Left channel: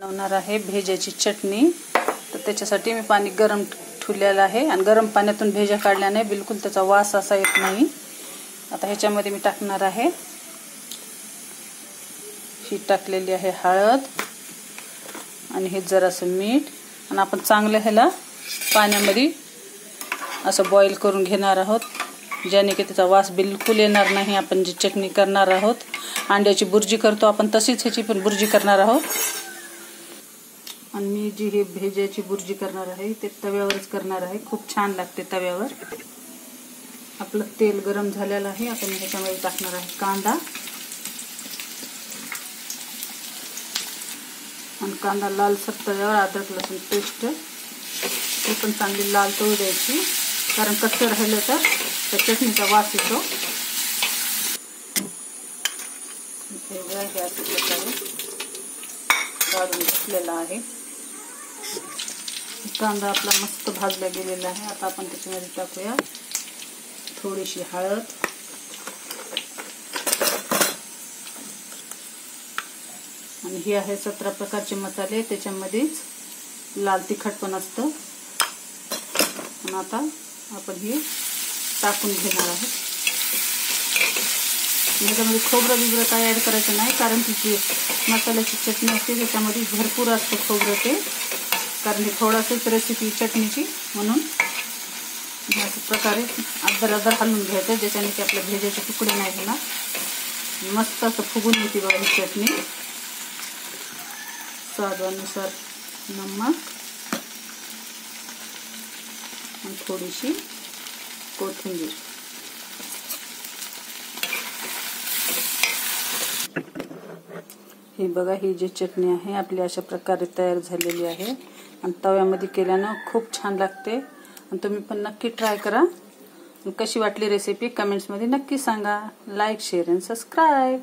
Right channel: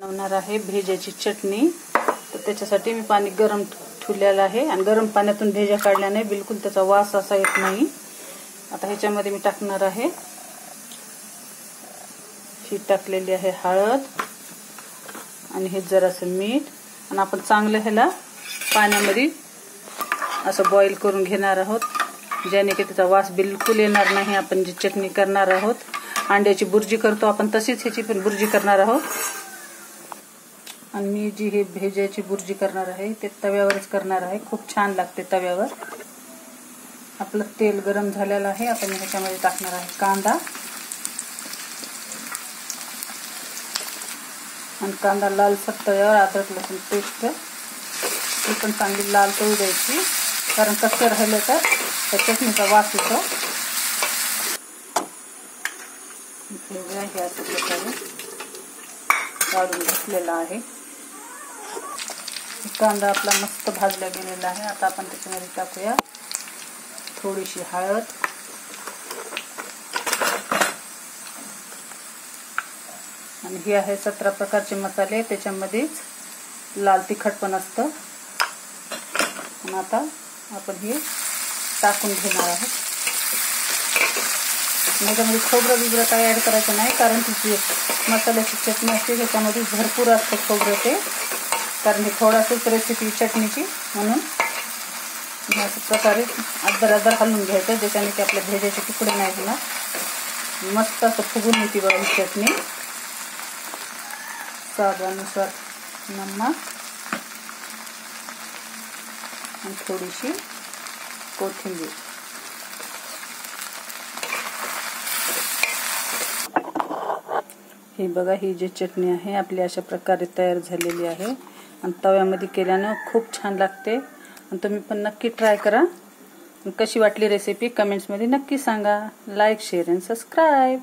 बनवणार आहे भेजाची चटणी। तर त्याच्यासाठी मी पाणी गरम ठेवलेलं आहे आणि गरम पाण्यातून भेजा काढल्याने बिलकुल त्याचा वास असा येत नाही। आता ह्याच्यामध्ये मी टाकणार आहे ही टाकलेली आहे हळद आणि हे जरासं मीठ आणि आपण चांगलं ह्याला पाण्यामध्ये असं बॉईल करून घेणार आहोत, ज्याने की त्याचा वास बिलकुल येणार नाही। आपण जी चटणी करणार आहोत, अंड्याची बुर्जी करतो आपण तशीच ह्याची पण बुर्जी करणार आहोत। आणि मी जी हे भेजाची बुर्जी करणार आहे ते तव्यावरच करणार आहे, खूप छान लागते तव्यावर। आपलं तेल गरम झालेलं आहे, आपण ह्याच्यामध्ये टाकणार आहे कांदा आणि कांदा लालसर तव्यावर अद्रक लसूण पेस्ट ही पण चांगली लाल तळू द्यायची, कारण कच्चं राहिलं तर त्या चटणीचा वास येतो। हे अशा प्रकारे काढून घेतलेला आहे। कांदा आपला मस्त भाजला गेलेला आहे। आता आपण त्याच्यामध्ये टाकूया थोडीशी हळद आणि ही आहे 17 प्रकारचे मसाले, त्याच्यामध्येच लाल तिखट पण असतं। आणि आता आपण हे टाकून घेणार आहोत। याच्यामध्ये खोबरं बिबरं काही ऍड करायचं नाही, कारण तिची मसाल्याची चटणी असते त्याच्यामध्ये भरपूर असतं खोबरं ते, कारण ही थोडासाच रेसिपी चटणीची, म्हणून अशा प्रकारे अदर हलवून घ्यायचं, ज्याच्याने की आपल्या भेजाचे तुकडे नाही होणार। मस्त असं फुगून येते बघा ही चटणी। स्वादानुसार नमक आणि थोडीशी कोथिंबीर। हे बघा, ही जी चटणी आहे आपली अशा प्रकारे तयार झालेली आहे आणि तव्यामध्ये केल्यानं खूप छान लागते। आणि तुम्ही पण नक्की ट्राय करा। कशी वाटली रेसिपी कमेंट्स मध्ये नक्की सांगा। लाईक, शेअर आणि सबस्क्राईब।